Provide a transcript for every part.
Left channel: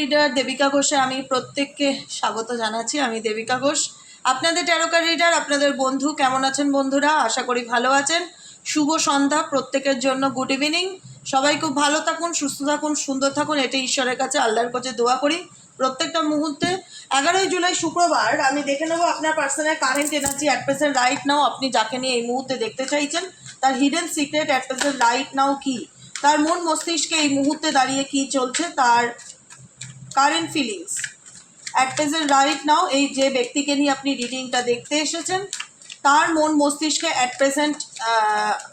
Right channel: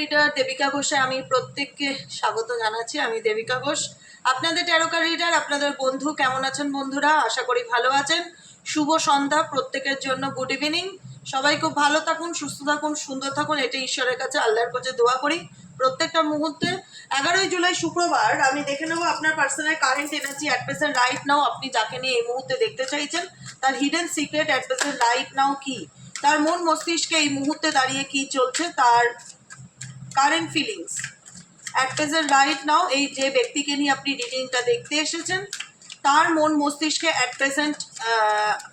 Reader Devika ঘোষে আমি প্রত্যেককে স্বাগত জানাচ্ছি। আমি দেবিকা ঘোষ, আপনাদের ট্যারোকার রিডার, আপনাদের বন্ধু। কেমন আছেন বন্ধুরা? আশা করি ভালো আছেন। শুভ সন্ধ্যা প্রত্যেকের জন্য, গুড ইভিনিং। সবাই খুব ভালো থাকুন, সুস্থ থাকুন, সুন্দর থাকুন, এটাই ঈশ্বরের কাছে, আল্লাহর কাছে দোয়া করি প্রত্যেকটা মুহূর্তে। 11ই জুলাই শুক্রবার আমি দেখে নেবো আপনার personal current energy at present right now. আপনি যাকে নিয়ে এই মুহূর্তে দেখতে চাইছেন তার hidden secret at present right now কি, তার মন মস্তিষ্কে এই মুহূর্তে দাঁড়িয়ে কি চলছে, তার current feelings at present right now. এই যে ব্যক্তিকে নিয়ে আপনি রিডিংটা দেখতে এসেছেন তার মন মস্তিষ্কে অ্যাট প্রেজেন্ট,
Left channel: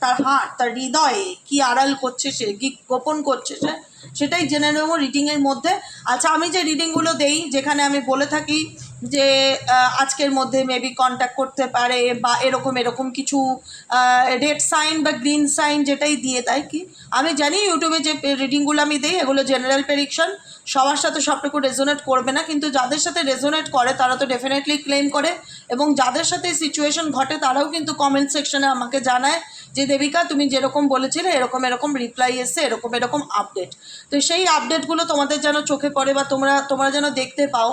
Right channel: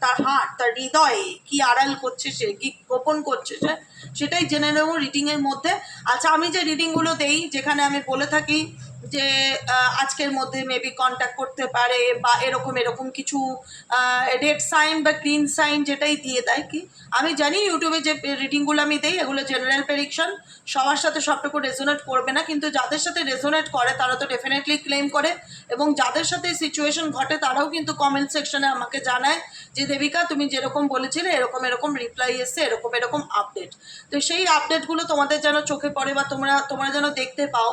তার হার্ট, তার হৃদয়ে কি আড়াল করছে, সে কি গোপন করছে, সেটাই জেনে নেব রিডিংয়ের মধ্যে। আচ্ছা, আমি যে রিডিংগুলো দেই, যেখানে আমি বলে থাকি যে আজকের মধ্যে মেবি কন্ট্যাক্ট করতে পারে বা এরকম এরকম কিছু রেড সাইন বা গ্রিন সাইন যেটাই দিয়ে দেয়, কি আমি জানি ইউটিউবে যে রিডিংগুলো আমি দিই এগুলো জেনারেল প্রেডিকশন, সবার সাথে সবটুকু রেজোনেট করবে না, কিন্তু যাদের সাথে রেজোনেট করে তারা তো ডেফিনেটলি ক্লেম করে, এবং যাদের সাথে সিচুয়েশন ঘটে তারাও কিন্তু কমেন্ট সেকশনে আমাকে জানায় যে দেবিকা তুমি যেরকম বলেছিলে এরকম এরকম রিপ্লাই এসছে, এরকম এরকম আপডেট। তো সেই আপডেটগুলো তোমাদের যেন চোখে পড়ে বা তোমরা যেন দেখতে পাও।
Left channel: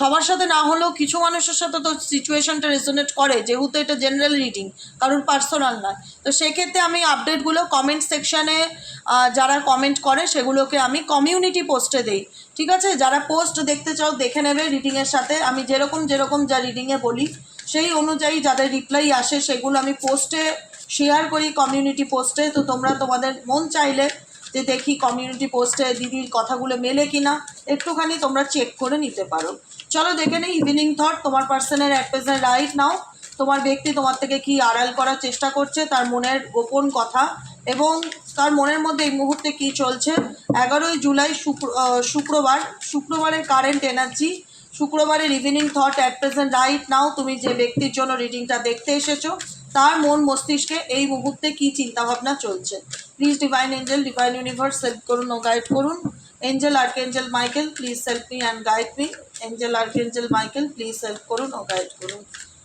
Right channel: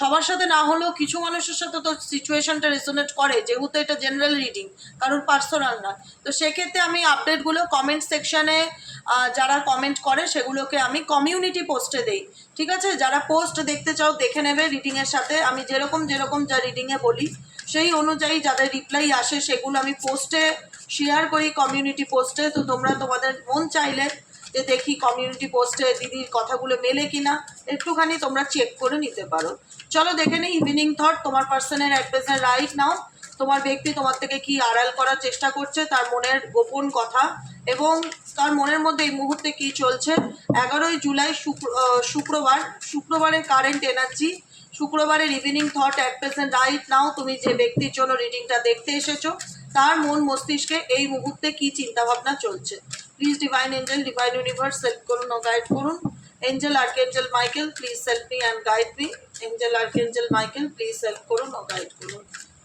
সবার সাথে না হলেও কিছু মানুষের সাথে তো সিচুয়েশনটা রেজোনেট করে, যেহেতু এটা জেনারেল রিডিং, কারণ পার্সোনাল না। তো সেক্ষেত্রে আমি আপডেটগুলো কমেন্ট সেকশানে যারা কমেন্ট করে সেগুলোকে আমি কমিউনিটি পোস্টে দেই, ঠিক আছে? যারা পোস্ট দেখতে চাও দেখে নেবে রিডিংয়ের সাথে। আমি যেরকম যা রিডিংয়ে বলি সেই অনুযায়ী যাদের রিপ্লাই আসে সেগুলো আমি পোস্টে শেয়ার করি, কমিউনিটি পোস্টে। তো তোমরা তোমাদের মন চাইলে যে দেখি কমিউনিটি পোস্টে দিদির কথাগুলো মেলে কিনা, একটুখানি তোমরা চেক করে নিতে পারো। চলো দেখে নেই ইভিনিং থট তোমার পার্সনের অ্যাট প্রেজেন্ট রাইট নাও। তোমার ব্যক্তি তোমার থেকে কি আড়াল করার চেষ্টা করছে, তার মনের গোপন কথা, এবং তার মনের মধ্যে এই মুহূর্তে কি চলছে। 11ই জুলাই শুক্রবারের কারেন্ট এনার্জি, শুক্রবারের evening thought at present right now. তুমি যে ব্যক্তির জন্য রিডিংটা দেখতে এসেছো তার মন মস্তিষ্কে এই মুহূর্তে কি চিন্তাভাবনা চলছে। Please divine angel, divine universe help করুন ও গাইড করুন। Angel archangel Michael please help me and guide me. Angel archangel Michael please help করুন ও গাইড করুন।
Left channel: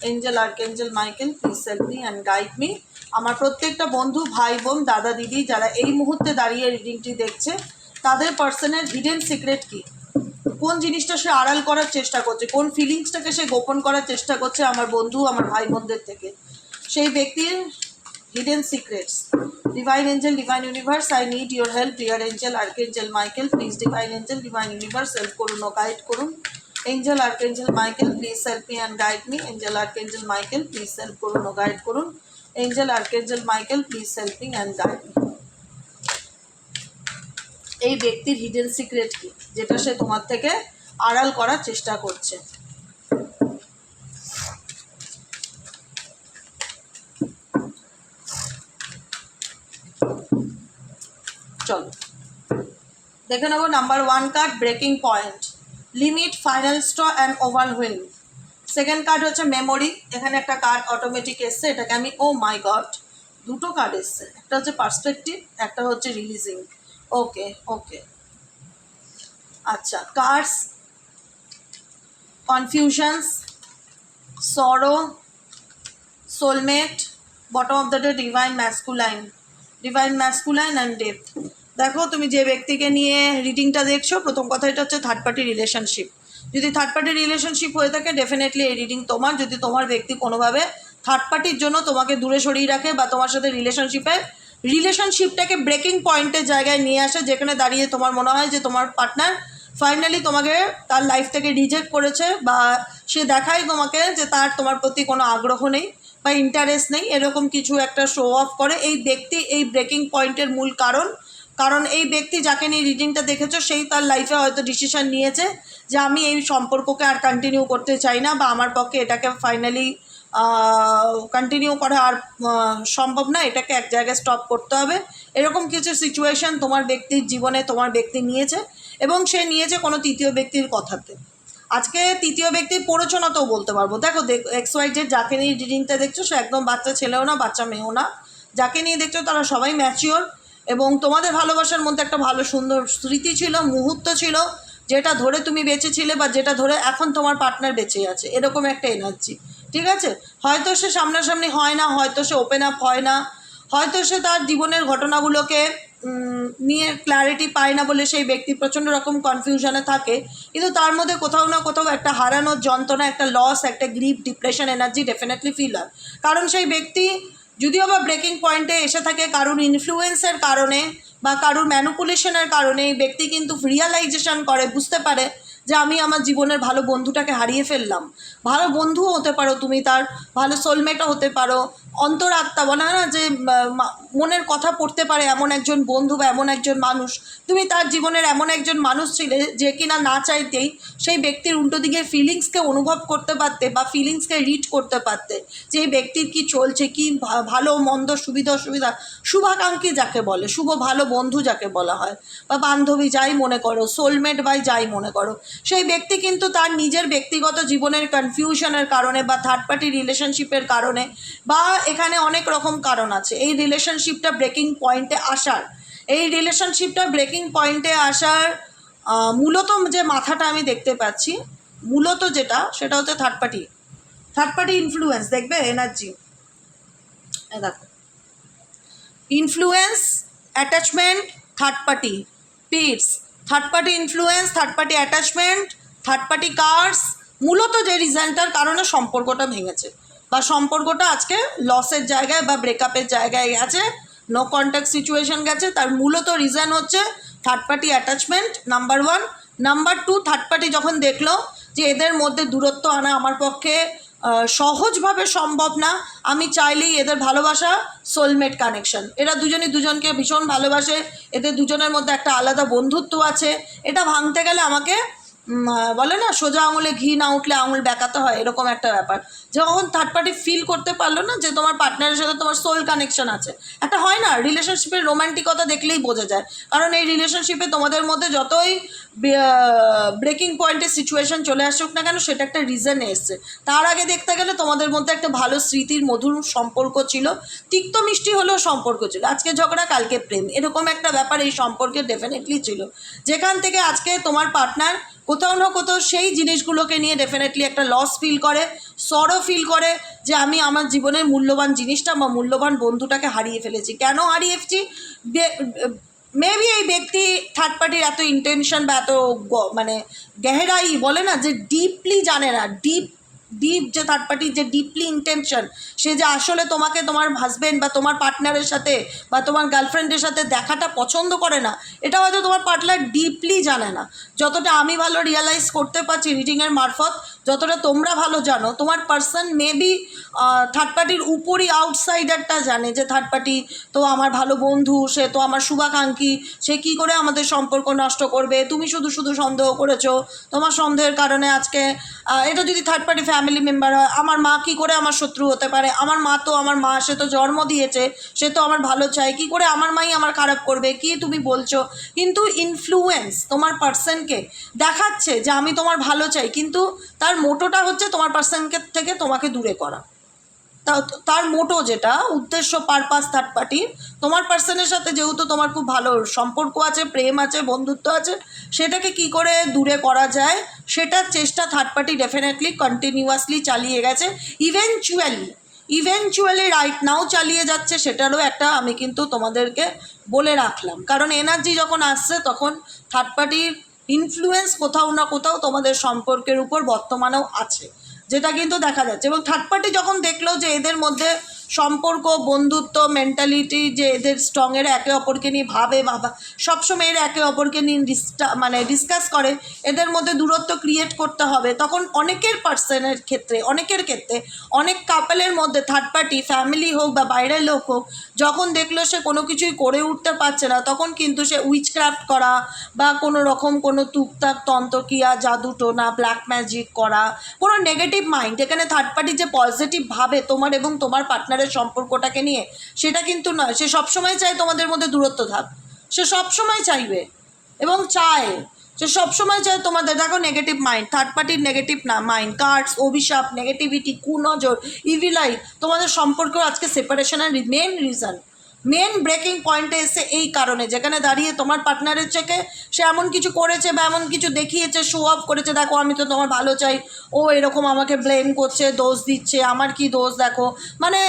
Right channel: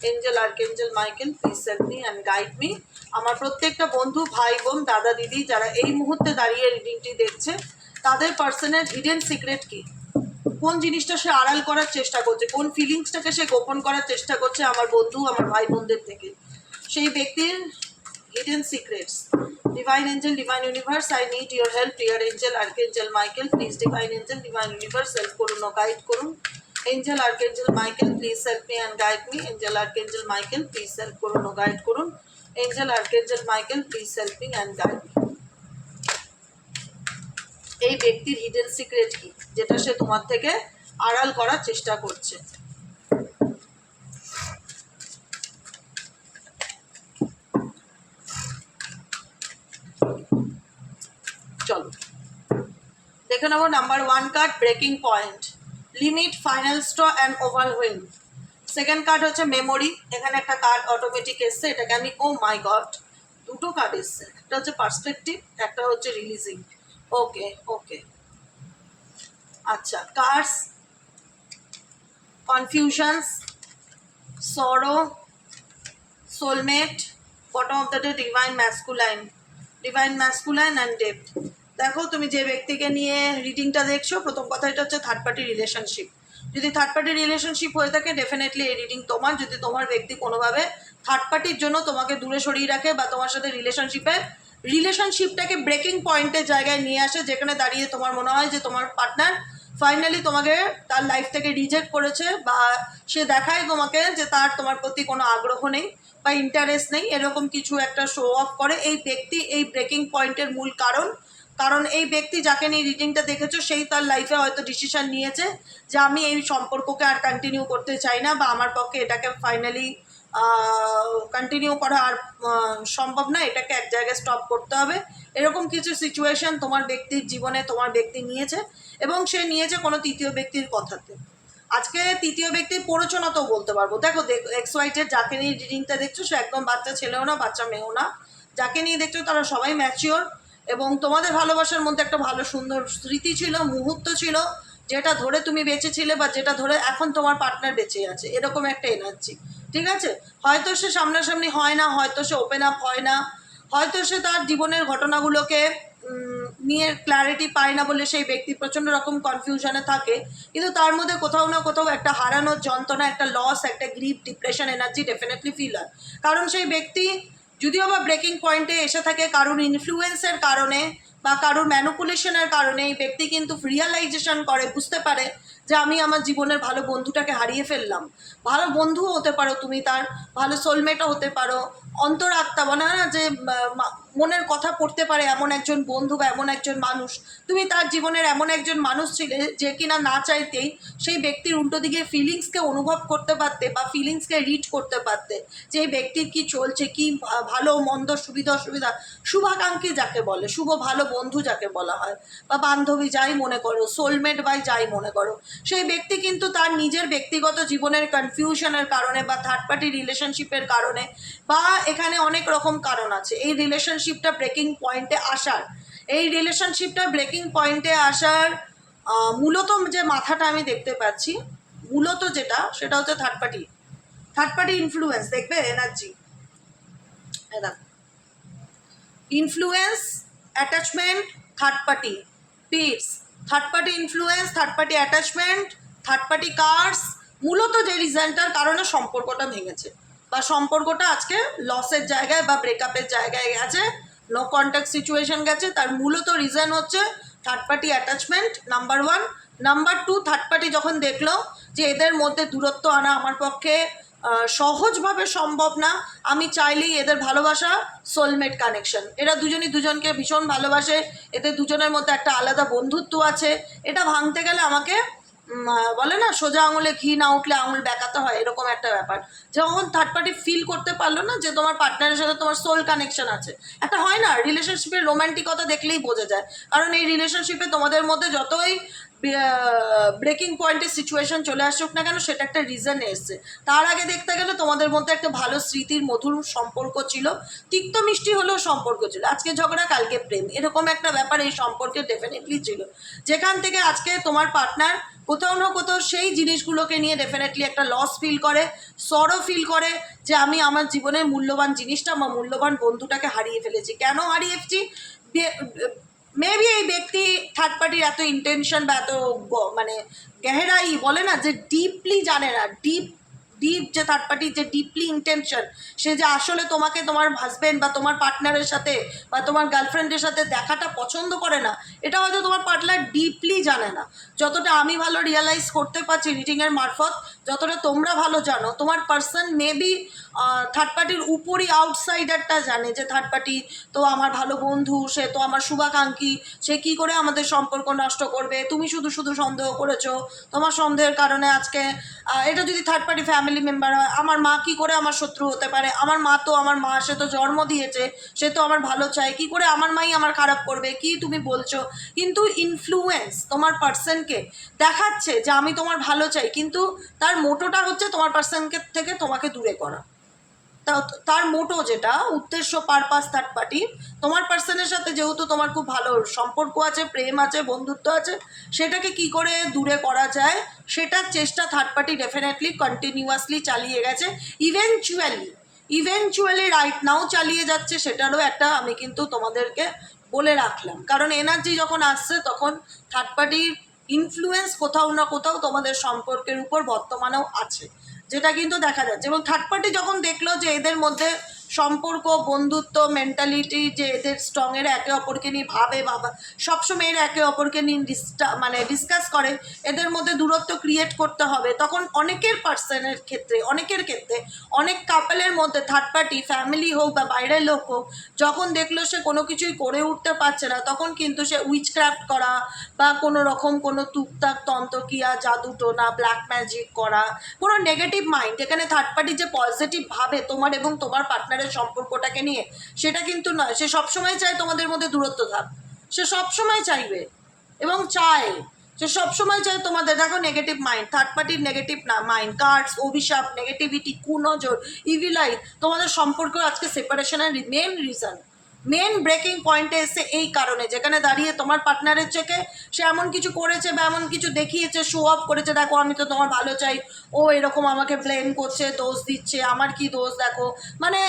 Angel archangel Michael please help me and guide me. আমার প্রত্যেকটা বন্ধু, ভাই বোন, দাদা দিদি যারা এই মুহূর্তে দাঁড়িয়ে রিডিংটি দেখছে তাদের পার্সনের হিডেন সিক্রেট কি, কোন জিনিসটা সে আড়াল করার চেষ্টা করছে, কোন ফিলিংসটাকে সে গোপন করার চেষ্টা করছে আমার বন্ধু, আমার ভাই বোনদের থেকে, সেই ব্যক্তির hidden secrets. Divine angel, divine universe, I need your help. Dear angel archangel Michael please divine angel, divine universe help করুন ও গাইড করুন। Angel archangel Michael please help me and guide me. Angel archangel Michael please help করুন ও guide করুন। Angel archangel Michael please help me and guide me. এই ব্যক্তির hidden secret কি, যেটা সে তোমার থেকে আড়াল করার চেষ্টা করছে। চলো দেখে নেবো। Number 1 card breaking point, limit, final straw and overwhelm. Second card হচ্ছে মেমোরি। এখানে একটা কার্ড অটোমেটিক এসছে, এটাকে আমি ও মাই গড, দুটো কার্ড এসছে, একটা হচ্ছে পার্সপেক্টিভ, একটা হচ্ছে রিলিজিং। ওকে ওকে, আচ্ছা। কার্ডস, কনফিউশনস, সরো, soulmate, bottom of the day divine masculine and depth. দেখো, তুমি যে ব্যক্তিকে নিয়ে রিডিংটা দেখছো, প্রথম কথা এটা হচ্ছে থার্ড পার্টি রিলেশনশিপ। যদি থার্ড পার্টি রিলেশনশিপ হয়ে থাকে ডেফিনেটলি এই রিডিং তোমার। যদি তোমার ব্যক্তি কোনোভাবে থার্ড পার্টির জন্য তোমাকে দূরে সরিয়ে রাখে বা তোমার সাথে রিলেশনশিপটাকে ব্রেকিং পয়েন্টের জায়গায় নিয়ে আসে, যেখানে দাঁড়িয়ে তোমার মনে হয় যে তোমার পার্টনার ফাইনালি তোমাকে তার লাইফ থেকে রিজেক্ট করেছে, বা সে দেখায় তোমাকে যে তার তোমার প্রতি কোনো আগ্রহ নেই বা ইন্টারেস্ট নেই, এরকম কিছু একটা শো অফ করে এই ব্যক্তি। এই ব্রেকিং পয়েন্টের মূল কারণ এই ব্যক্তি যাকে নিয়ে রিডিংটা দেখেছো সেই তার লাইফে হয়তো ডিসিশন নিয়েছে যে আমি এই সম্পর্ককে আর কন্টিনিউ করতে চাই না, বা আমার পক্ষে এটাকে ফাইনালি কন্টিনিউ করা আর সম্ভব না, এটাকে এক জায়গায় স্টপ করতে হবে। এরকম কিছু সিচুয়েশন তোমার ব্যক্তির জীবনে তোমার ব্যক্তি নিয়েছে, এবং সে নিয়েছে কোনো তৃতীয় ব্যক্তির কথাতে। আজকে তৃতীয় ব্যক্তির প্ররোচনাতেও বলতে পারবো। দেখো XYZ যাকে নিয়ে রিডিংটা দেখছো সে একদম বাচ্চা ছেলেও না, বাচ্চা মেয়েও না। যাকে নিয়ে দেখছো তারা সবাই ম্যাচিওর, এবং তোমাদের ভালোবাসার মধ্যে একটা ভালো সুন্দর স্মৃতি ছিল, মুহূর্ত ছিল, যেটা ধরে তুমি বেঁচেছিলে বা যেটা ধরে এখন তোমার পার্টনার বেঁচে আছে, এরকম একটা এনার্জি। ঠিক আছে, হয়তো সে সামনাসামনি হয় না, হয়তো সে ওপেন আপ হয় না, হয়তো সে তার জীবনের ঘটনাগুলোকে নিয়ে ক্ল্যারিটি পায় না বলে সেই ব্যক্তি প্রচণ্ড রকম কনফিউশনে থাকে, কিন্তু তার মধ্যে কোথাও না কোথাও একটা হারানোর যন্ত্রণা, একটা লস, একটা grip, depression energy definitely feel হয়। কারণ সেই ব্যক্তি যদিও বা ব্রেকিং পয়েন্টে এসে থাকে কারোর ইনফ্লুয়েন্সের কারণে বা কারোর ম্যানুপুলেশনের কারণে, এই ব্যক্তি কিন্তু রিয়ালাইজেশন করে, বুঝতে পারে যে আমি আমার জীবনের ভালো বন্ধুটাকে হারিয়ে ফেললাম। ভালো বন্ধুও হতে পারো তুমি, তার ভালো সোলমেটও হতে পারো, অন্তরাত্মা বলে না যে মনের কথা পড়তে পারে এমন একজন বন্ধু বা এমন একজন মানুষ, তুমি তার জীবনের এমন একজন মানুষ ছিলে যে কিনা না চাইতেই সেই ব্যক্তির উল্টো দিকে ফিলিংসকে অনুভব করতে পারতে বা ফিলিংসকে রিড করতে পারতে, যে এই ব্যক্তির কী চলছে, কী ভালো মন্দ, সুবিধা অসুবিধা, শুভাকাঙ্ক্ষী যাকে বলে, শুভ ভালো বন্ধু যাকে বলা হয়, বা বান্ধবী যাই মনে করো, সোলমেট বাই যাই মনে করো, সেই ব্যক্তি কিন্তু তার নিজের ব্যক্তিগত জীবনের কনফিউশনের কারণে বা থার্ড পার্টি রিলেশনশিপের কারণে বা এখানে অনেক রকম কারণ আছে এই রিলেশনশিপটা ব্রেকিং পয়েন্টে আসার। এই রিলেশনশিপটা ব্রেকিং পয়েন্টে আসার মূলত যে মাথাটা আমি দেখতে পাচ্ছি, মূলত যেটা সেটা হচ্ছে থার্ড পার্টি ইনফ্লুয়েন্স। দেখবে এনার্জি দেখো, influence, attachment, third party, pits, third party influence, third party attachment, third party cards, মূলত যে রিজনটার কারণে সম্পর্কটা ভেঙেছে বা সম্পর্কটা আজকে লসের জায়গায় বা ব্রেকআপের জায়গায় গেছে, নো কন্ট্যাক্ট সিচুয়েশন গেছে, তার মূলত রিজন হচ্ছে third party attachment number 1। Number 2, third party যখন দেখলো যে এদের মধ্যে দূরত্ব আনা আমার পক্ষে সহজভাবে সম্ভব না, আমি চাইলেই এদের ভালোবাসা সোলমেট কানেকশন, এরা দুজনই দুজনকে ভীষণ ভালোবাসে, এদের দুজনের মধ্যে একটা আলাদা বন্ধুত্ব আছে, এটা ভাঙতে গেলে আমাকে বলে না সোজা আঙুলে ঘি না উঠলে আঙুল বেঁকাতে হয়, এরকম একটা ব্যাপার। যখন থার্ড পার্টি ফিল করতে পারলো না যে তোমার পার্টনারের সাথে তোমার সোল কানেকশন আছে, একটা হয় না রিলেশনশিপের রোম্যান্টিকতা দেখলেই বোঝা যায়, কারণ এই রিলেশনশিপে তোমাদের মধ্যে যতই ব্রেকিং পয়েন্টের সিচুয়েশন চলে আসুক না কেন, সেটা একটা রিজনে এসছে। তার আগে দেখতে গেলে তোমাদের মধ্যে একটা ভালো স্মৃতির মধুর সম্পর্ক ছিল, তিক্ত মিষ্টি হলেও সম্পর্ক ছিল, আজকে ঝগড়া কালকে প্রেম, এরকম একটা ব্যাপার এই সম্পর্কে ডেফিনেটলি ছিল, যেখান থেকে আজকে তোমার পার্টনার কোথাও না কোথাও সেই জিনিসগুলোকে নিয়ে ডেফিনেটলি একটা লস ফিল করে, সরো ফিল করে যে আমি আমার জীবনের মূল্যবান জিনিসটা বা মূল্যবান বন্ধুটাকে হারিয়ে ফেলেছি। কেন হারিয়েছি? মেবি এই ব্যক্তি থার্ড পার্টির এত ইন্টেনশন বা এত মানে গেহেরাই বলে না যে ডিপলি জানে না, ডিপ যে থার্ড পার্টির যে ডিপলি ইন্টেনশন, সে যে আসলে তোমাকে তোমার হাজব্যান্ড বা তোমার পার্টনারের সাথে বা তোমার গার্লফ্রেন্ডের সাথে দেখাটা পছন্দ করে না, এটা হয়তো তোমার পার্টনার ডিপলি জানে না। যতটা আমি ভালো রিয়েলাইজ করতে পারছি রিডিংয়ের মারফত, যতটা তোমরা ভালো জানো, তোমার পার্সন মেবি থার্ড পার্টির উপরই আউটসাইডারটা জানে যে থার্ড পার্টি তো আমার ভালো বন্ধু, সে তো আমার শুভাকাঙ্ক্ষী, সে কি করে আমাদের সম্পর্ক নষ্ট করবে, তুমি শুধু শুধু সন্দেহ করেছো, তোমার সন্দেহের কারণে আজকে এটা যদি থার্ড পার্টি ফ্যামিলি মেম্বার হয়, আমার মা কি করে আমার শত্রু হতে পারে, আমার মা তো আমার মা, সে তো জন্ম দিয়েছে, সে তো আমার ভালো চায়, কি করে আমার মাই আমার খারাপ করবে, কি তুমি বলছো। কিন্তু ইনফ্লুয়েন্স তোমার পার্সনকে দেখাচ্ছে যে আমি তোমার ভালো চাই, কিন্তু তার মোটোটা হচ্ছে তোমার পার্সনকে থেকে তোমাকে দূরে করা। তার মোটো যেটা উদ্দেশ্য, পারপাস থার্ড পার্টির, তোমার পার্সনের সাথে যেহেতু তোমার খুব ভালো সম্পর্ক আছে, প্রেম আছে, বন্ধুত্ব আছে, সেটাকে কি করে দূরে করা যায় সেটার চেষ্টা থার্ড পার্টি ডেফিনেটলি কন্টিনিউয়াসলি চালিয়ে গেছে, ইভেনচুয়ালি রাইট নাও চালিয়ে যাচ্ছে। সেটারও একটা আমি কিন্তু তোমাদেরকে বলে রাখলাম, কারণ এনার্জি যখন আসছে তখন থার্ড পার্টির ইনফ্লুয়েন্স কোথাও না কোথাও তোমাদের সম্পর্কের উপর বর্তমানেও আছে, যেটা কিন্তু দেখা যাচ্ছে। এবং থার্ড পার্টি যখন দেখলো যে এদের মধ্যে সম্পর্ক, বন্ধুত্ব, মেন্টালিটি যে এদের স্ট্রং, এর একে অপরকে নিয়ে ভাবে, বাবা সবসময় এর একে অপরকে নিয়ে ডিসকাস করে, এদের মধ্যে দূরত্ব ক্রিয়েট করতে হবে, তখন অনেকের পার্সনের ক্ষেত্রে, অনেক কাপলের মধ্যে থার্ড পার্টি ফ্যামিলি হোক বা বাইরের লোক হোক, যখন দেখলো সে কোনো কিছুই করে উঠতে পারছে না, তখন কিন্তু সে উইচক্রাফট করা বা কোনো রকম কোনো টুকটাক তন্ত্রক্রিয়া, জাদু টোনা, ব্ল্যাক ম্যাজিক করা, কোনো নেগেটিভ মাইন্ড, এখানে থার্ড পার্টি যে পজিটিভ ভাবে তোমার এবং তোমার পার্টনারের সম্পর্কটাকে নিয়ে, সেটা কিন্তু নয়। সে সবসময় চায় তোমাদের মধ্যে দূরত্ব থাক, সে সবসময় চাইবে এবং চায়, সে সবসময় চায় তোমাদের, দেখো নেগেটিভ মাইন্ড, থার্ড পার্টির নেগেটিভ না মাইন্ড, কার্ডস, অভিশাপ, নেগেটিভিটি, কুনজর, ইভিল আই, তোমাদের সম্পর্ক আজকে সেপারেশনের মেন রিজন। মেন ব্রেকিং পয়েন্টে এসে এই কারণে, যেখানে দাঁড়িয়ে তোমার পার্টনারের থেকে সে এমন কিছু করেছে বা এমন কিছু দেখিয়েছে, শো অফ করেছে, দেখো আমি তো তোমার ভালো চাই, ও এরকম আমাকে ব্লেম করছে, দোষ দিচ্ছে, আমার কি দোষ দেখো, মানে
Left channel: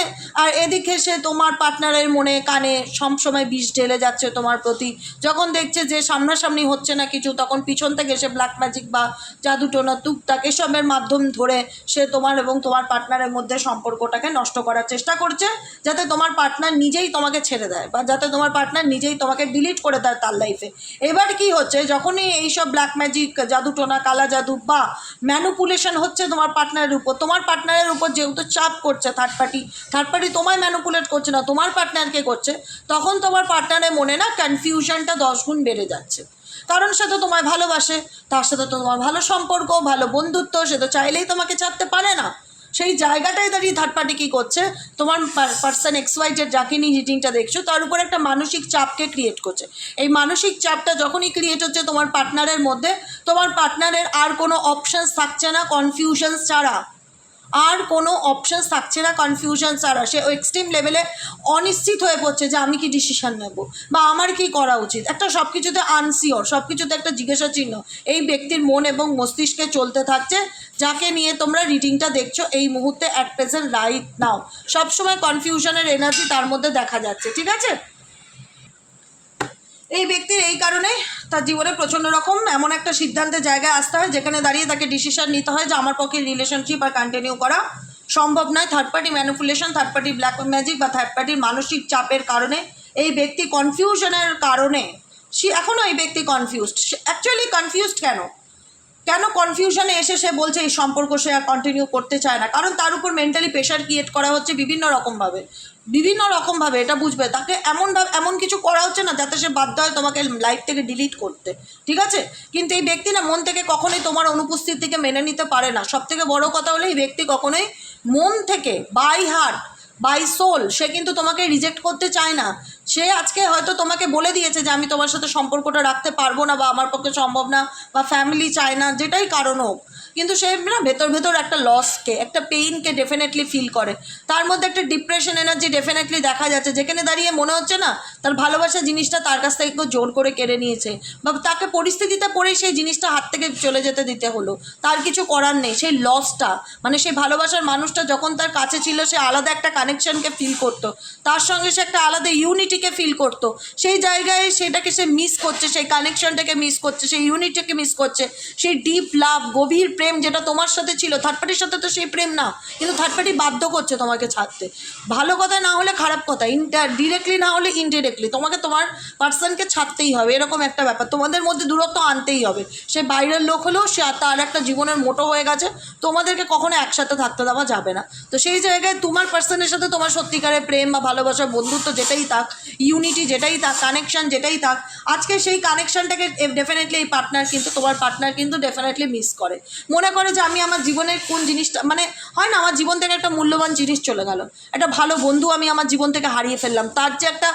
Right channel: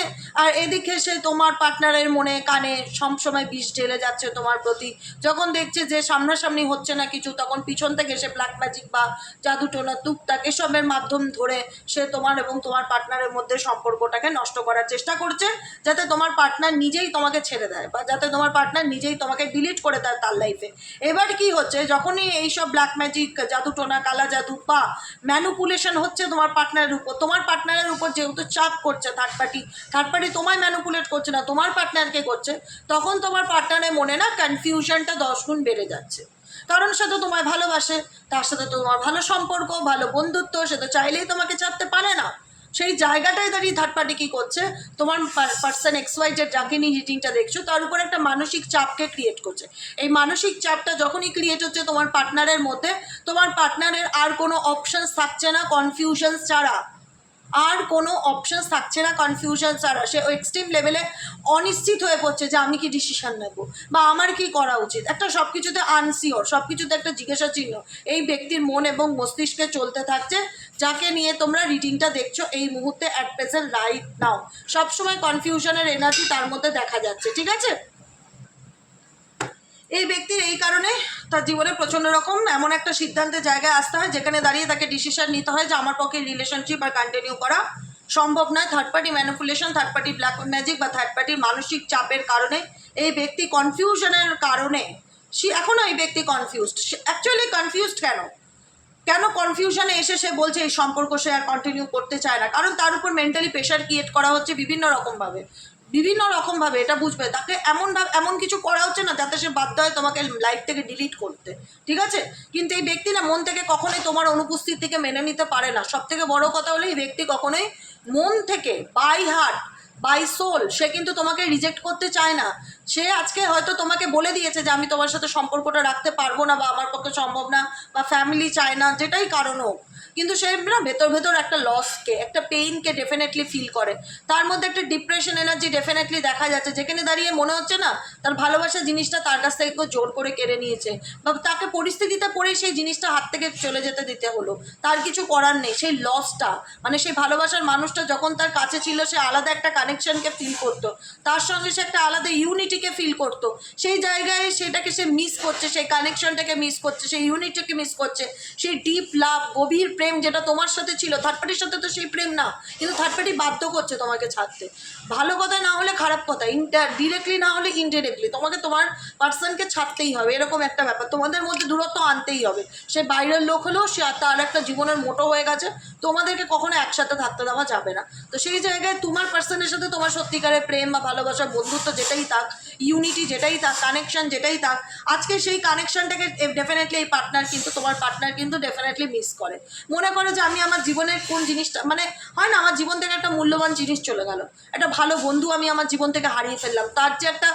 আর এদিকে সে তোমার পার্টনারের মনে কানে সবসময় বিষ ঢেলে যাচ্ছে তোমার প্রতি। যখন দেখছে যে সামনাসামনি হচ্ছে না কিছু, তখন পিছন থেকে সে ব্ল্যাক ম্যাজিক বা জাদুটোনা টুকটাক এসবের মাধ্যম ধরে সে তোমার এবং তোমার পার্টনারের মধ্যে সম্পর্কটাকে নষ্ট করার চেষ্টা করছে, যাতে তোমার পার্টনার নিজেই তোমাকে ছেড়ে দেয় বা যাতে তোমার পার্টনার নিজেই তোমাকে ডিলিট করে দেয় তার লাইফে। এবার কি হচ্ছে, যখনই এইসব ব্ল্যাক ম্যাজিক, জাদুটোনা, কালা জাদু বা ম্যানুপুলেশন হচ্ছে তোমার পার্টনারের উপর যেহেতু চাপ করছে থার্ড পার্টি তোমায় ম্যানুপুলেট করছে না, তোমার পার্টনারকে করছে, তখন তোমার পার্টনারের মনে না কনফিউশনটা 10 গুণ বেড়ে যাচ্ছে। কারণ সে তো তোমায় ভালোবাসে, তার সাথে তোমার ভালো সম্পর্ক, ভালো বন্ধুত্ব, সে তো চাইলেই তোমাকে ছাড়তে পারে না। সেই জায়গাটায় দাঁড়িয়ে থার্ড পার্টি কী করছে, তোমার পার্সন XY যাকে নিয়ে রিডিংটা দেখছো তার উপর একটা মানসিক চাপকে ক্রিয়েট করছে। এই মানসিক চাপটা যখনই ক্রিয়েট হচ্ছে তোমার পার্টনারের মধ্যে, তোমার পার্টনারের আর কোনো অপশানস থাকছে না কনফিউশনস ছাড়া, আর কোনো অপশানস থাকছে না কনফিউশন ছাড়া। সে এক্সট্রিম লেভেলে অনিশ্চিত হয়ে পড়ছে যে আমি কি ডিসিশন নেব বা আমার কি করা উচিত, একটা সব কিছুতে আনসিওর, সব কিছুতে একটা জিজ্ঞাসা চিহ্ন এই ব্যক্তির মন এবং মস্তিষ্কে চলতে থাকছে, যাকে নিয়ে তোমরা রিডিংটা দেখছো এই মুহূর্তে অ্যাট প্রেজেন্ট রাইট নাও। সবসময় কনফিউশনের এনার্জি তার মধ্যে দেখা যাচ্ছে, ঠিক আছে। এই ব্যক্তির এই কারণে তার জীবনে প্রচণ্ড রকম এমন একটা সিদ্ধান্তের জায়গায় আসতে হয় যেখানে দাঁড়িয়ে তাকে ডিসিশন নিতে হয় যে আমার পক্ষে রিলেশনশিপ আর কন্টিনিউ করা সম্ভব নয়। Third party manipulation, third party black magic বা থার্ড পার্টির মানসিক চাপের কারণে এই ব্যক্তি কনফিউশনের কারণে এখনও এই ব্যক্তি কনফিউজড। অ্যাকচুয়ালি কনফিউজড কেন কনফিউশনে এসে সে বলছে এই সম্পর্ক সে আর কন্টিনিউ করতে চায় না, কারণ তার উপর মেন্টালি প্রেশার ক্রিয়েট করা হচ্ছে বিভিন্ন রকমভাবে। এটা বুঝবে, তাকে এমন কিছু করা হচ্ছে না যাতে সে বাধ্য হয় তোমাকে লাইফ থেকে ডিলিট করতে, ঠিক আছে। কিন্তু এই ব্যক্তি না মন থেকে কখনোই তোমার অনুপস্থিতিকে মেনে নিতে পারে না। সব থেকে বড় কথা হলো এই ব্যক্তি কখনোই মন থেকে বাই হার্ট বাই সোল সে কিন্তু তোমাকে রিজেক্ট করতে চায় না। সে আজকে হয়তো তোমাকে বলে দিয়েছে যে আমি তোমার সাথে সম্পর্কটা রাখতে পারবো না বা আমার পক্ষে সম্ভব না বা ফ্যামিলি চায় না, যেটাই কারণ হোক, কিন্তু সে না ভেতর একটা লসকে, একটা পেইনকে ডেফিনেটলি ফিল করে। তার মধ্যে একটা ডিপ্রেশন এনার্জি ডেফিনেটলি দেখা যাচ্ছে, যেখানে দাঁড়িয়ে মনে হচ্ছে না তার ভালোবাসা জিনিসটা তার কাছ থেকে কেউ জোর করে কেড়ে নিয়েছে বা তাকে পরিস্থিতিতে পড়েই সেই জিনিসটা হাত থেকে চলে যেতে দিতে হলো, তার কিছু করার নেই। সেই লসটা মানে সেই ভালোবাসার মানুষটা যখন তার কাছে ছিল সে আলাদা একটা কানেকশনকে ফিল করতো, তার সঙ্গে সে একটা আলাদা ইউনিটিকে ফিল করতো। সেই জায়গায় সেটাকে সে মিস করছে, সেই কানেকশনটাকে মিস করছে, সেই ইউনিটিকে মিস করছে, সেই ডিপ লাভ, গভীর প্রেম যেটা তোমার সাথে ছিল। থার্ড পার্টির সাথে তো সেই প্রেম না, কিন্তু থার্ড পার্টি বাধ্য করছে তোমাকে ছাড়তে। ভালো কথা না হলে খারাপ কথা, ডিরেক্টলি না হলে ইনডিরেক্টলি তোমাকে তোমার পার্সনকে ছাড়তেই হবে, এরকম একটা ব্যাপার। তোমাদের মধ্যে দূরত্ব আনতেই হবে। সে বাইরের লোক হলেও সে তার একটা জীবনের মোটো হয়ে গেছে, তোমাদেরকে কখনো একসাথে থাকতে দেওয়া যাবে না। তো সেই জায়গায় তোমার পার্সনের সাথে তোমার সত্যিকারের প্রেম বা ভালোবাসা, বন্ধুত্ব যেটাই থাক, ইউনিটি যেটাই থাক, কানেকশন যেটাই থাক, আজকে সেই কানেকশনটাকে ডেফিনেটলি এই তোমার পার্টনার কিন্তু ডেফিনেটলি মিস করে। মনে করে যে আমি আমার জীবনের কোন জিনিসটা, মানে হয় না আমার জীবন থেকে একটা মূল্যবান জিনিস চলে গেল, একটা ভালো বন্ধু আমি আমার জীবন থেকে হারিয়ে ফেললাম, তার যে একটা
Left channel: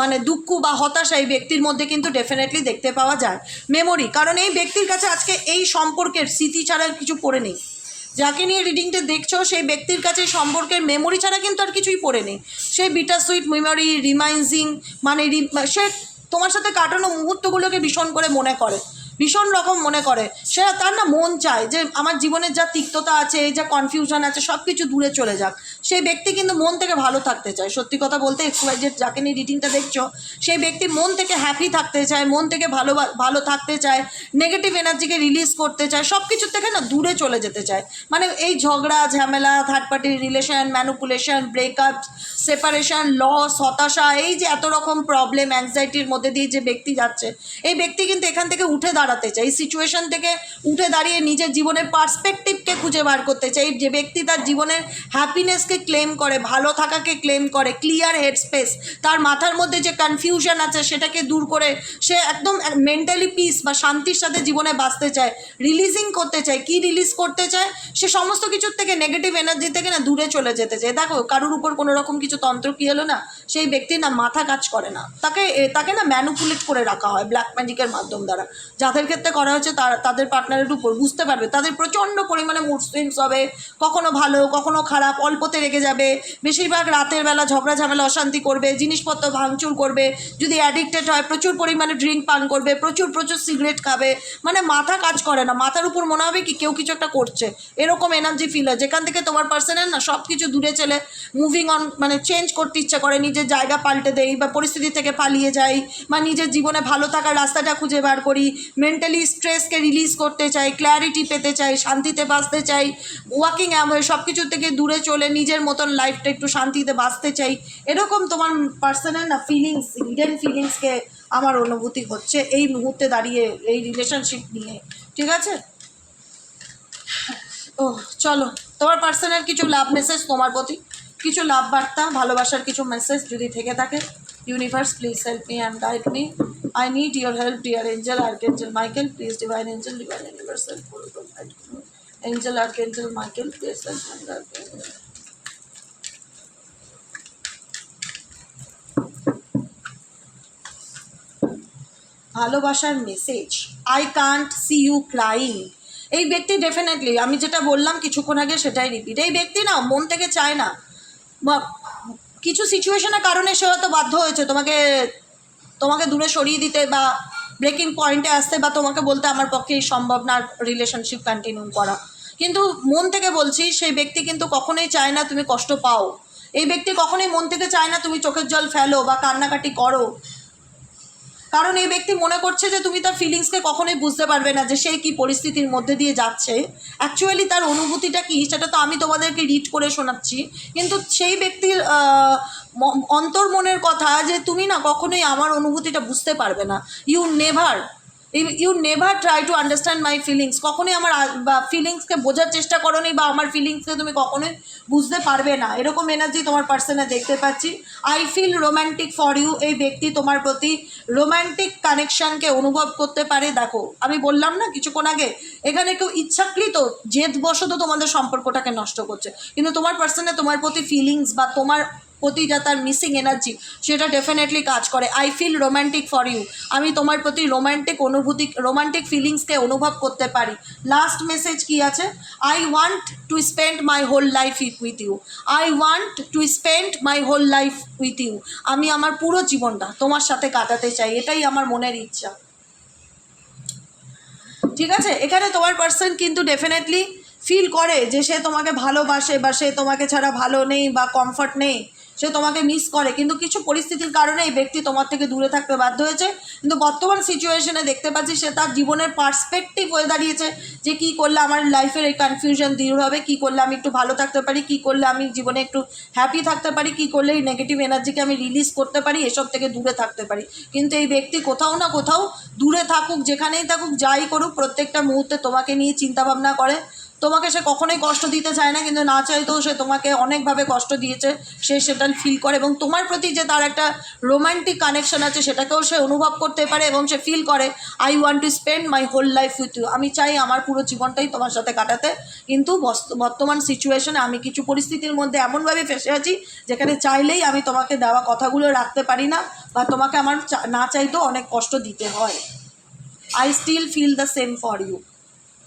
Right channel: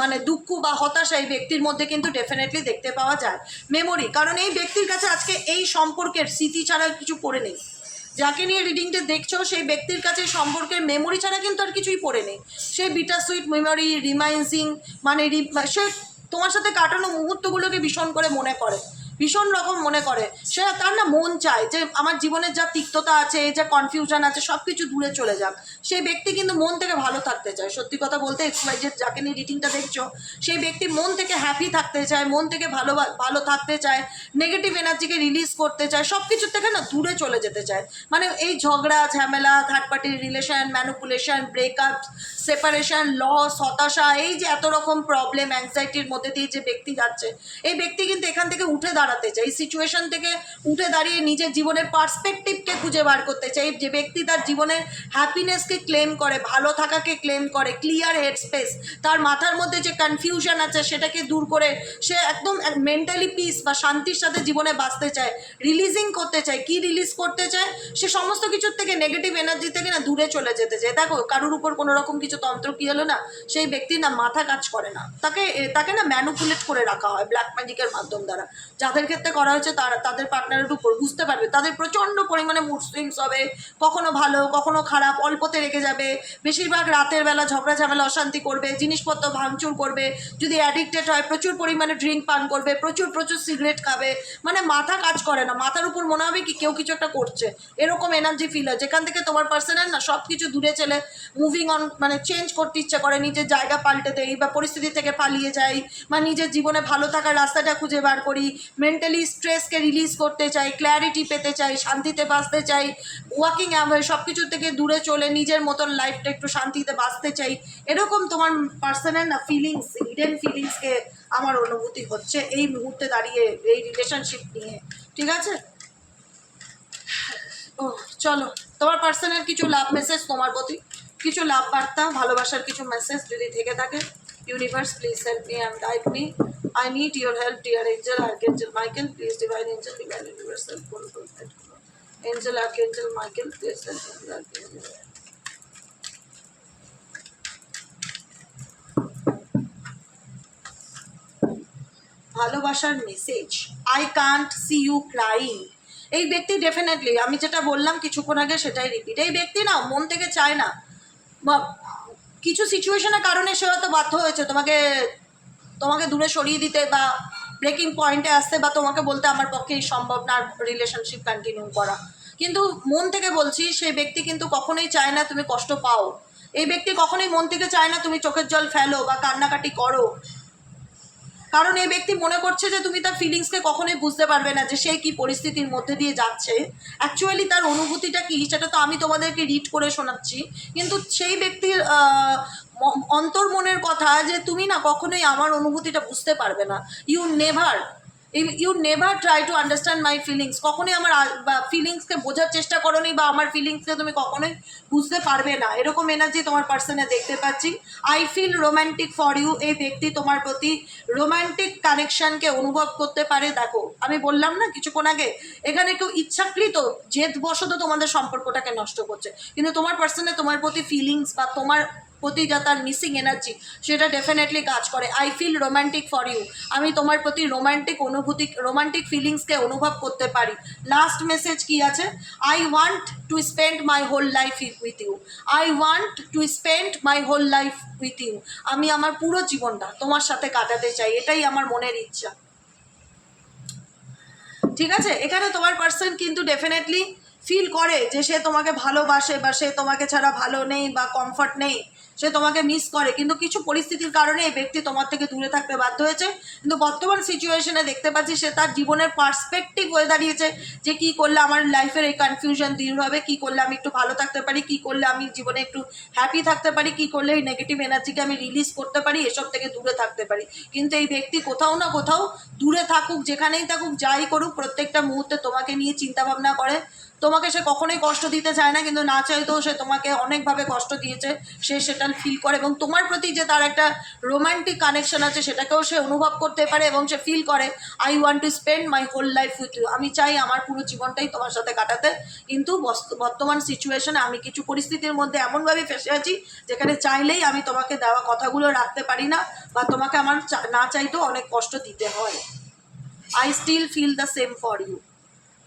মানে দুঃখ বা হতাশা এই ব্যক্তির মধ্যে কিন্তু ডেফিনেটলি দেখতে পাওয়া যায়। মেমোরি, কারণ এই ব্যক্তির কাছে আজকে এই সম্পর্কের স্মৃতি ছাড়া কিছু পড়ে নেই। যাকে নিয়ে রিডিংটা দেখছো সেই ব্যক্তির কাছে সম্পর্কের মেমোরি ছাড়া কিন্তু আর কিছুই পড়ে নেই। সেই বিটার সুইট মেমোরি, রিমাইন্ডিং, মানে সে তোমার সাথে কাটানো মুহূর্তগুলোকে ভীষণ করে মনে করে, ভীষণ রকম মনে করে। সে তার না মন চায় যে আমার জীবনের যা তিক্ততা আছে, যা কনফিউশন আছে, সব কিছু দূরে চলে যাক। সেই ব্যক্তি কিন্তু মন থেকে ভালো থাকতে চায়। সত্যি কথা বলতে XY যাকে নিয়ে রিডিংটা দেখছো সেই ব্যক্তি মন থেকে হ্যাপি থাকতে চায়, মন থেকে ভালো থাকতে চায়, নেগেটিভ এনার্জিকে রিলিজ করতে চায়, সব কিছুর থেকে না দূরে চলে যেতে চায়। মানে এই ঝগড়া ঝামেলা, থার্ড পার্টির relation, manipulation, breakup, separation, loss, হতাশা, এই যে এত রকম প্রবলেম, অ্যাংজাইটির মধ্যে দিয়ে যে ব্যক্তি যাচ্ছে, এই ব্যক্তি কিন্তু এখান থেকে উঠে দাঁড়াতে চায়। এই সিচুয়েশন থেকে উঠে দাঁড়িয়ে নিজের জীবনের পার্সপেক্টিভকে খুঁজে বার করতে চায়। যে ব্যক্তি তার জীবনের হ্যাপিনেসকে ক্লেম করে, ভালো থাকাকে ক্লেম করে, ক্লিয়ার হেড স্পেস, তার মাথার মধ্যে যে কনফিউশন আছে সেটাকে দূর করে সে একদম মেন্টালি পিস বা শান্তির সাথে জীবনে বাঁচতে চায়, রিলিজিং করতে চায়। কি রিলিজ করতে চায়? সে সমস্ত কিছুর থেকে, নেগেটিভ এনার্জি থেকে না দূরে চলে যেতে চায়। দেখো কারোর উপর কোনো রকম কিছু তন্ত্র কি হলো না, সেই ব্যক্তি না মাথা কাজ করে না, তাকে না ম্যানুপুলেট করে রাখা হয় ব্ল্যাক ম্যাজিকের মাধ্যম দ্বারা, যাতে যাদের ক্ষেত্রে করা হয়েছে তাদের পার্টনারের উপর বুঝতে পারবে তাদের প্রচণ্ড পরিমাণে মুড সুইংস হবে, কখনো ভালো কখনো খারাপ, অল্পতে রেগে যাবে, বেশিরভাগ রাতের বেলা ঝগড়া ঝামেলা অশান্তি করবে, জিনিসপত্র ভাঙচুর করবে, যদি অ্যাডিক্টেড হয় প্রচুর পরিমাণে ড্রিঙ্ক পান করবে, প্রচুর সিগারেট খাবে, মানে মাথা কাজ করে না, মাথার উপর মনে হবে কি কেউ কিছু একটা করছে, এরকম এনার্জি ফিল হয়, যেখান থেকে তোমার পার্সনের না সব কিছু দূরে চলে মুভিং অন, মানে চেঞ্জ করতে ইচ্ছে করে, নিজের জায়গা পাল্টে দেই বা পরিস্থিতি থেকে পালিয়ে যাই বা নিজের জীবনে ভালো থাকার রাস্তাটা খুঁজে বার করি, মেন্টালি স্ট্রেসকে রিলিজ করতে চাই, ক্ল্যারিটি পেতে চাই, শান্তিতে বাঁচতে চাই, ওয়াকিং অ্যাওয়ে সব কিছু থেকে দূরে চলে নিজের মতন লাইফটা একটু শান্তিতে বাঁচতে চাই, এরকম তোমার পার্সনের না ফিলিংস, হিডেন ফিলিংসকে আমার অনুভূতি হচ্ছে এই মুহূর্তে দাঁড়িয়ে এই রিলেশনশিপ নিয়ে। ঠিক আছে, ও চলো তোমার পার্সনের কিছু লাভ মেসেজ, তোমার প্রতি কিছু লাভ বার্তা, ভালোবাসার কিছু মেসেজ যদি থেকে থাকে। Universe please help me and guide me, I need your help dear angel archangel Michael, please divine angel divine universe help করো, guide me angel archangel Michael, please help me archangel. ভালোবাসার message, I can't see you crying. এই ব্যক্তি definitely আমি যেটা বললাম কিছুক্ষণ আগে সেটাই রিপিট, এই ব্যক্তি না মন থেকে চায় না, কিছু সিচুয়েশনের কারণে সে হয়তো বাধ্য হয়েছে তোমাকে দূরে সরিয়ে দিতে বা ব্রেকিং পয়েন্টে আসতে বা তোমাকে বলতে আমার পক্ষে সম্ভব না রিলেশনশিপ কন্টিনিউ করা, কিন্তু মন থেকে বলছি সেই ব্যক্তি কিন্তু কখনোই চায় না তুমি কষ্ট পাও, এই ব্যক্তি কখনোই মন থেকে চায় না তুমি চোখের জল ফেলো বা কান্নাকাটি করো, কারণ এই ব্যক্তি মনে করছে যে তুমি তার ফিলিংসকে কখনোই বুঝতে পারবে না যে সেই কী পরিস্থিতির মধ্যে দিয়ে যাচ্ছে, অ্যাকচুয়ালি তার অনুভূতিটা কী সেটা তো আমি তোমাদেরকে রিড করে শোনাচ্ছি, কিন্তু সেই ব্যক্তির অন্তর্মনের কথা যে তুমি না কখনোই আমার অনুভূতিটা বুঝতে পারবে না, you never try to understand my feelings, কখনোই আমার বা ফিলিংসকে বোঝার চেষ্টা করোনি বা আমার ফিলিংসকে তুমি কখনোই বুঝতে পারবে না, এরকম এনার্জি তোমার পার্সনে দেখতে পাচ্ছি। I feel romantic for you, এই ব্যক্তি তোমার প্রতি রোম্যান্টিক কানেকশানকে অনুভব করতে পারে। দেখো আমি বললাম না কিছুক্ষণ আগে, এখানে কেউ ইচ্ছাকৃত জেদবশত তোমাদের সম্পর্কটাকে নষ্ট করছে, কিন্তু তোমার পার্সনে তোমার প্রতি ফিলিংস বা তোমার প্রতি যা তার মিসিং এনার্জি সেটা ডেফিনেটলি কাজ করে। I feel romantic for you, আমি তোমার প্রতি রোম্যান্টিক ফিলিংসকে অনুভব করতে পারি। লাস্ট মেসেজ কি আছে, I want to spend my whole life with you, I want to spend my whole life with you, আমি আমার পুরো জীবনটা তোমার সাথে কাটাতে চাই, এটাই আমার মনের ইচ্ছা। ঠিক আছে, এখানে তোমার পার্সন কিন্তু ডেফিনেটলি ফিল করে যে সে তোমাকে ভালোবাসে বা সে তোমাকে ছাড়া ভালো নেই বা কমফর্ট নেই, সে তোমাকে মিস করে, কিন্তু কিছু পরিস্থিতির কারণে এই ব্যক্তি তোমার থেকে দূরে থাকতে বাধ্য হয়েছে, কিন্তু বর্তমান সিচুয়েশনে দেখতে পাচ্ছি সে তার জীবনের পার্সপেক্টিভ হয়ে দাঁড়িয়েছে যে কী করলে আমার লাইফের এই কনফিউশন দূর হবে, কী করলে আমি একটু ভালো থাকতে পারি, কী করলে আমি জীবনে একটু হ্যাপি থাকতে পারি, কী করলে এই নেগেটিভ এনার্জিকে আমি রিলিজ করতে পারি, এসব থেকে দূরে থাকতে পারি। কিন্তু এই ব্যক্তি কোথাও না কোথাও দূরে থাকুক, যেখানেই থাকুক, যাই করুক, প্রত্যেকটা মুহূর্তে তোমাকে নিয়ে চিন্তাভাবনা করে, তোমাকে সে কখনোই কষ্ট দিতে চায় না, কিন্তু না চাইতেও সে তোমাকে অনেকভাবে কষ্ট দিয়েছে, সে সেটা ফিল করে, এবং তোমার প্রতি যে তার একটা রোম্যান্টিক কানেকশন আছে সেটাকেও সে অনুভব করতে পারে এবং সে ফিল করে I want to spend my whole life with you, আমি চাই আমার পুরো জীবনটাই তোমার সাথে কাটাতে, কিন্তু বর্তমান সিচুয়েশনে আমি কিছু পরিস্থিতির মধ্যে এমনভাবে ফেসে আছি যেখানে চাইলেই আমি তোমাকে দেওয়া কথাগুলো রাখতে পারি না বা তোমাকে আমার না চাইতেও অনেক কষ্ট দিতে হয়। I still feel the same for you,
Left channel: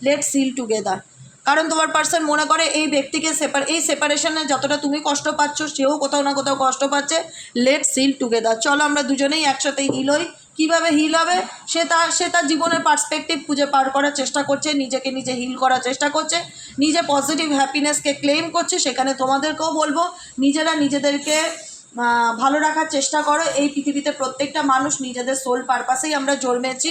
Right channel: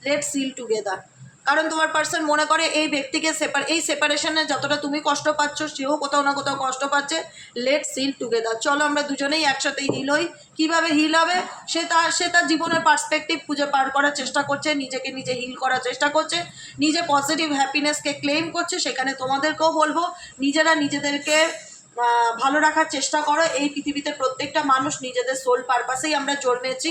let's seal together. কারণ তোমার পার্সন মনে করে এই ব্যক্তিকে এই সেপারেশনে যতটা তুমি কষ্ট পাচ্ছ সেও কোথাও না কোথাও কষ্ট পাচ্ছে, লেটস হিল টুগেদার, চলো আমরা দুজনেই একসাথে হিল হই। কীভাবে হিল হবে, সে তার জীবনের পার্সপেক্টিভ খুঁজে পার করার চেষ্টা করছে, নিজেকে নিজে হিল করার চেষ্টা করছে, নিজে পজিটিভ হ্যাপিনেসকে ক্লেম করছে। সেখানে তোমাদেরকেও বলবো নিজেরা নিজেদেরকে ভালো রাখার চেষ্টা করো। এই পৃথিবীতে প্রত্যেকটা মানুষ নিজেদের সোল পারপাসেই আমরা জন্মেছি,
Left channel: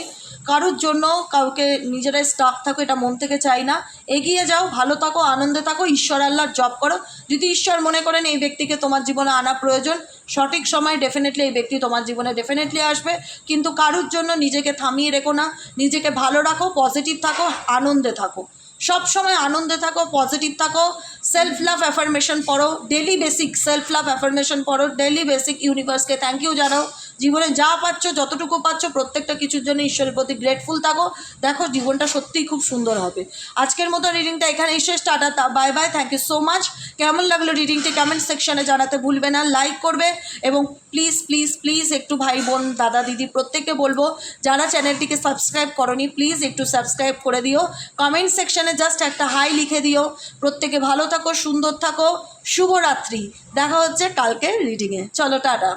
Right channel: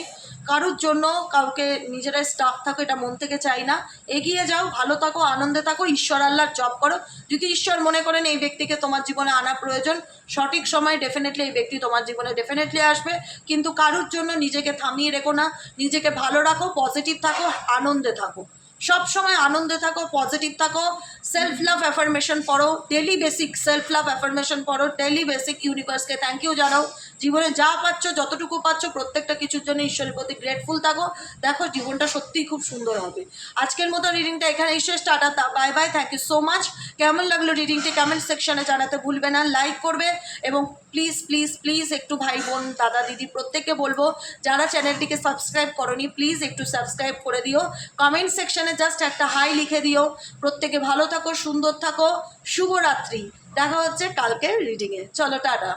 কারোর জন্য কাউকে নিজেরাই স্টাক থাকো এটা মন থেকে চাই না। এগিয়ে যাও, ভালো থাকো, আনন্দে থাকো, ঈশ্বর আল্লাহর জব করো। যদি ঈশ্বর মনে করেন এই ব্যক্তিকে তোমার জীবনে আনা প্রয়োজন, সঠিক সময় ডেফিনেটলি এই ব্যক্তি তোমার জীবনে ডেফিনেটলি আসবে, কিন্তু কারোর জন্য নিজেকে থামিয়ে রেখো না, নিজেকে ভালো রাখো, পজিটিভ থাকো, আনন্দে থাকো। সব সময় আনন্দে থাকো, পজিটিভ থাকো, সেলফ লাভ অ্যাফার্মেশন পড়ো, daily basic self love affirmation পড়ো, ডেলি বেসিক ইউনিভার্সকে থ্যাংক ইউ জানাও, জীবনে যা পাচ্ছ যতটুকু পাচ্ছ প্রত্যেকটা কিছুর জন্য ঈশ্বরের প্রতি গ্রেটফুল থাকো, দেখো জীবনটা সত্যিই খুব সুন্দর হবে। আজকের মতো রিডিংটা এখানেই শেষ, tata, bye bye, thank you so much. কেমন লাগলো রিডিংটি কমেন্ট সেকশনে জানাতে ভুলবে না, লাইক করবে এবং প্লিজ প্লিজ প্লিজ একটু ভাই বোন দাদা দিদি প্রত্যেককে বলবো যারা চ্যানেলটিকে সাবস্ক্রাইব করনি প্লিজ একটু সাবস্ক্রাইব করে দিও, কমেন্ট সেকশনে জাস্ট একটা হাই লিখে দিও। প্রত্যেকে ভালো থাকো, সুন্দর থাকো, শুভরাত্রি। দেখা হচ্ছে কালকের রিডিংয়ে, চলো টাটা।